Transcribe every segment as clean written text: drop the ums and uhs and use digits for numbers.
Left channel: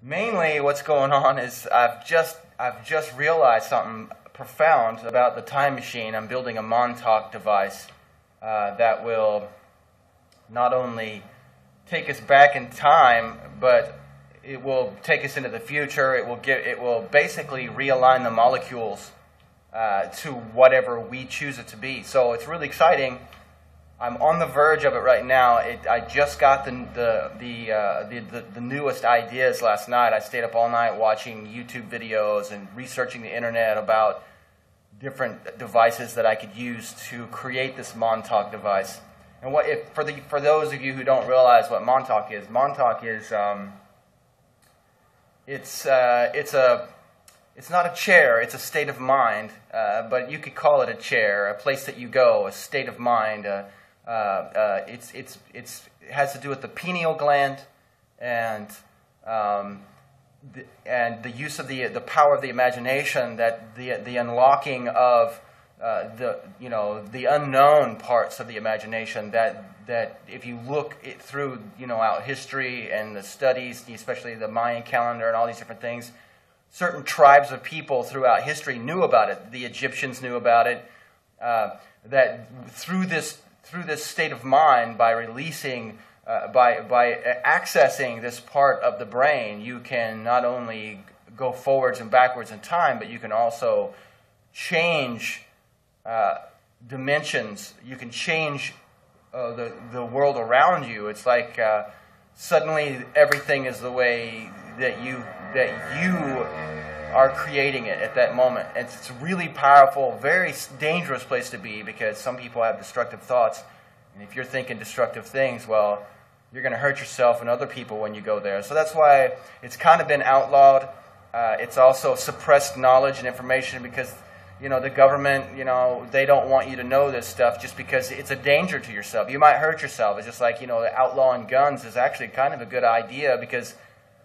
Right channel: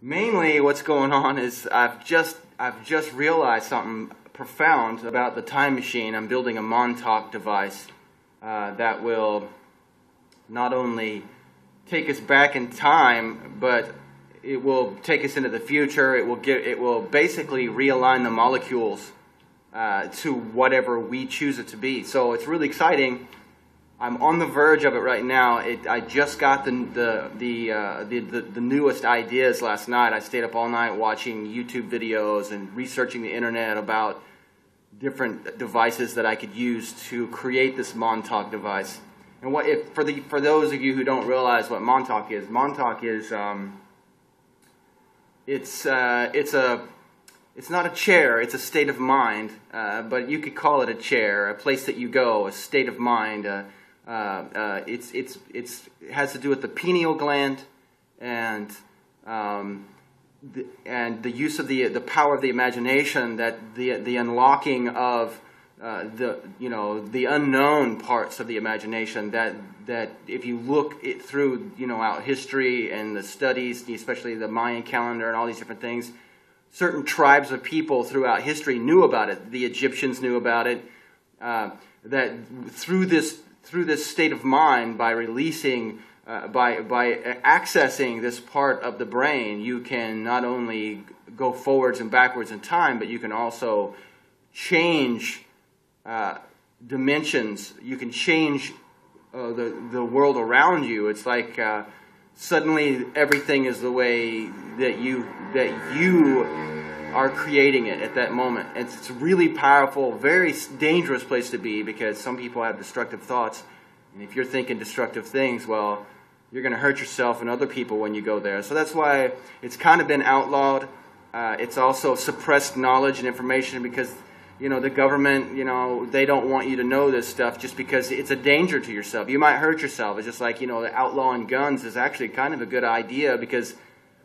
Mainly what's going on is I've just realized something profound about the time machine. I'm building a Montauk device that will not only take us back in time, but it will take us into the future. It will basically realign the molecules to whatever we choose it to be. So it's really exciting. I'm on the verge of it right now. I just got the newest ideas last night. I stayed up all night watching YouTube videos and researching the internet about different devices that I could use to create this Montauk device. And for those of you who don't realize what Montauk is it's not a chair, it's a state of mind, but you could call it a chair, a place that you go, a state of mind. It has to do with the pineal gland and the use of the power of the imagination, that the unlocking of the unknown parts of the imagination, that if you look it through out history and the studies, especially the Mayan calendar and all these different things, certain tribes of people throughout history knew about it. The Egyptians knew about it. That through this state of mind, by releasing, by accessing this part of the brain, you can not only go forwards and backwards in time, but you can also change dimensions. You can change the world around you. It's like suddenly everything is the way that you are creating it at that moment. It's a really powerful, very dangerous place to be, because some people have destructive thoughts, and if you're thinking destructive things, well, you're going to hurt yourself and other people when you go there. So that's why it's kind of been outlawed. It's also suppressed knowledge and information, because the government, they don't want you to know this stuff just because it's a danger to yourself. You might hurt yourself. It's just like, the outlawing guns is actually kind of a good idea, because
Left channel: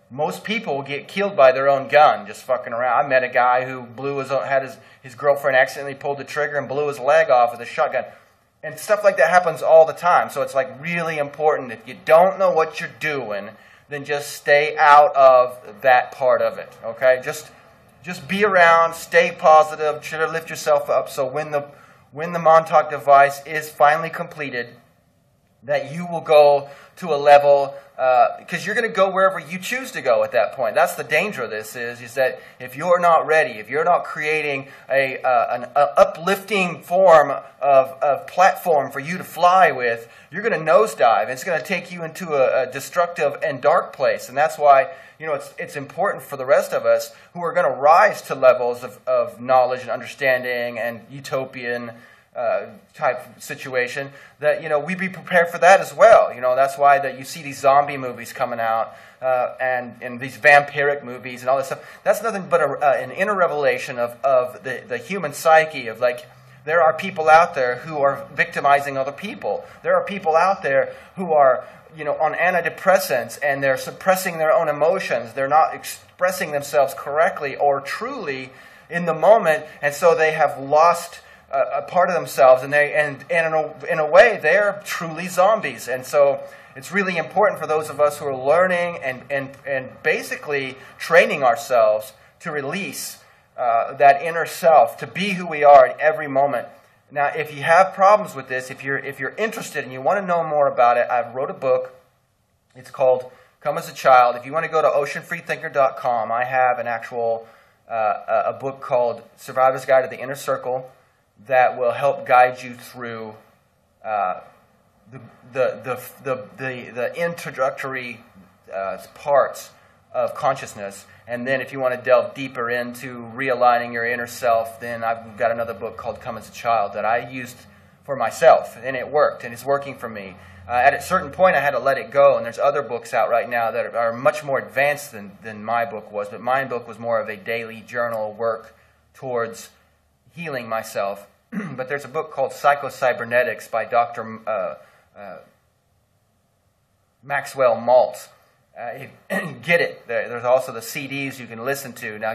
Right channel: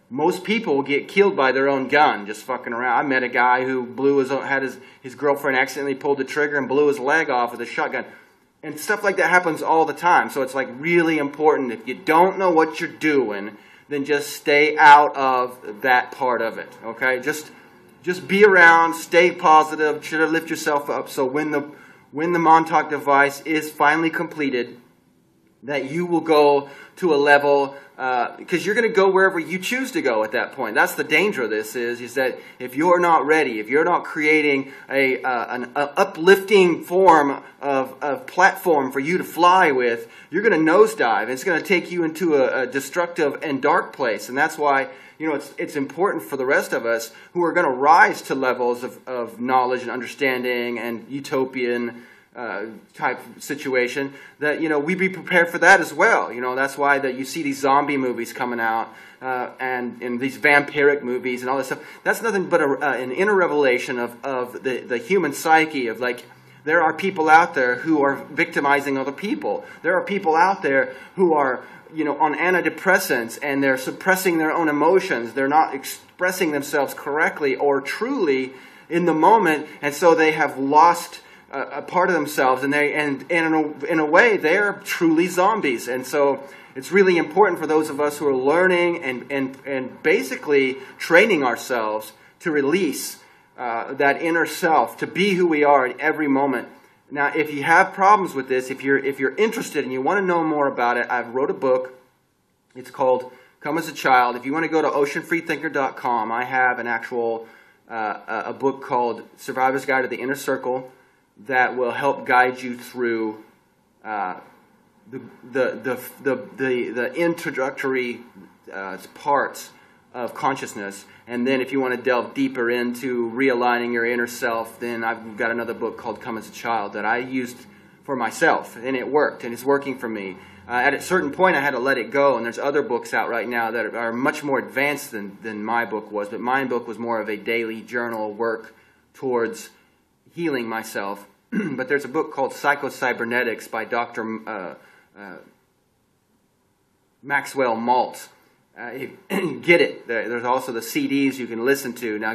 most people get killed by their own gun just fucking around. I met a guy who had his girlfriend accidentally pulled the trigger and blew his leg off with a shotgun. And stuff like that happens all the time. So it's like really important. If you don't know what you're doing, then just stay out of that part of it. Okay? Just be around, stay positive, try to lift yourself up, so when the Montauk device is finally completed, that you will go to a level, because you're going to go wherever you choose to go at that point. That's the danger of this, is that if you're not ready, if you're not creating an uplifting form of platform for you to fly with, you're going to nosedive. It's going to take you into a destructive and dark place. And that's why it's important for the rest of us who are going to rise to levels of knowledge and understanding and utopian type situation, that we be prepared for that as well. That's why that you see these zombie movies coming out and these vampiric movies and all this stuff. That's nothing but an inner revelation of the human psyche, of like, there are people out there who are victimizing other people. There are people out there who are on antidepressants, and they're suppressing their own emotions. They're not expressing themselves correctly or truly in the moment, and so they have lost a part of themselves, and in a way they are truly zombies. And so it's really important for those of us who are learning and basically training ourselves to release that inner self, to be who we are at every moment. Now, if you have problems with this, if you're interested and you want to know more about it, I've wrote a book. It's called Come as a Child. If you want to go to oceanfreethinker.com, I have an actual a book called Survivor's Guide to the Inner Circle that will help guide you through the introductory parts of consciousness. And then if you want to delve deeper into realigning your inner self, then I've got another book called Come as a Child that I used for myself, and it worked, and it's working for me. At a certain point, I had to let it go, and there's other books out right now that are much more advanced than my book was, but my book was more of a daily journal work towards healing myself. But there's a book called Psycho-Cybernetics by Dr. Maxwell Maltz. Get it. There's also the CDs you can listen to. Now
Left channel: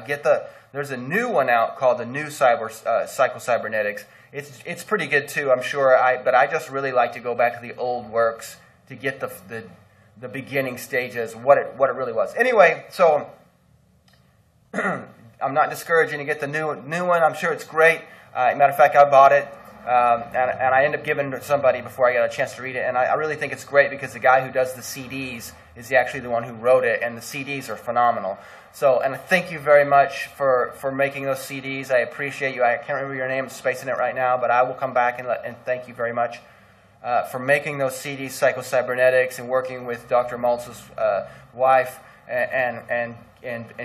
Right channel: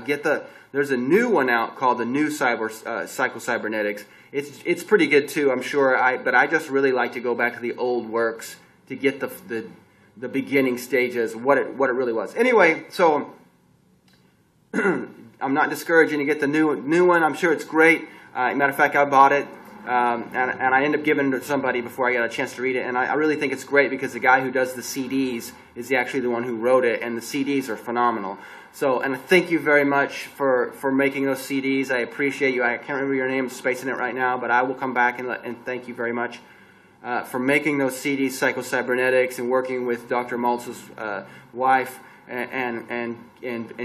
there's a new one out called the New Psycho-Cybernetics. It's pretty good too, I'm sure. But I just really like to go back to the old works to get the the beginning stages, what it really was. Anyway, so I'm not discouraging to get the new one. I'm sure it's great. Matter of fact, I bought it, and I ended up giving it to somebody before I got a chance to read it. And I really think it's great because the guy who does the CDs is actually the one who wrote it, and the CDs are phenomenal. So, and thank you very much for making those CDs. I appreciate you. I can't remember your name, I'm spacing it right now, but I will come back and thank you very much for making those CDs, Psycho-Cybernetics, and working with Dr. Maltz's wife and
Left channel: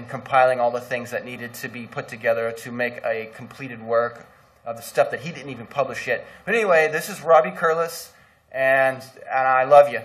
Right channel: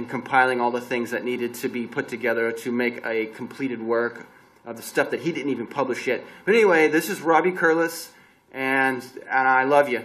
compiling all the things that needed to be put together to make a completed work of the stuff that he didn't even publish yet. But anyway, this is Robbie Curlis, and I love you.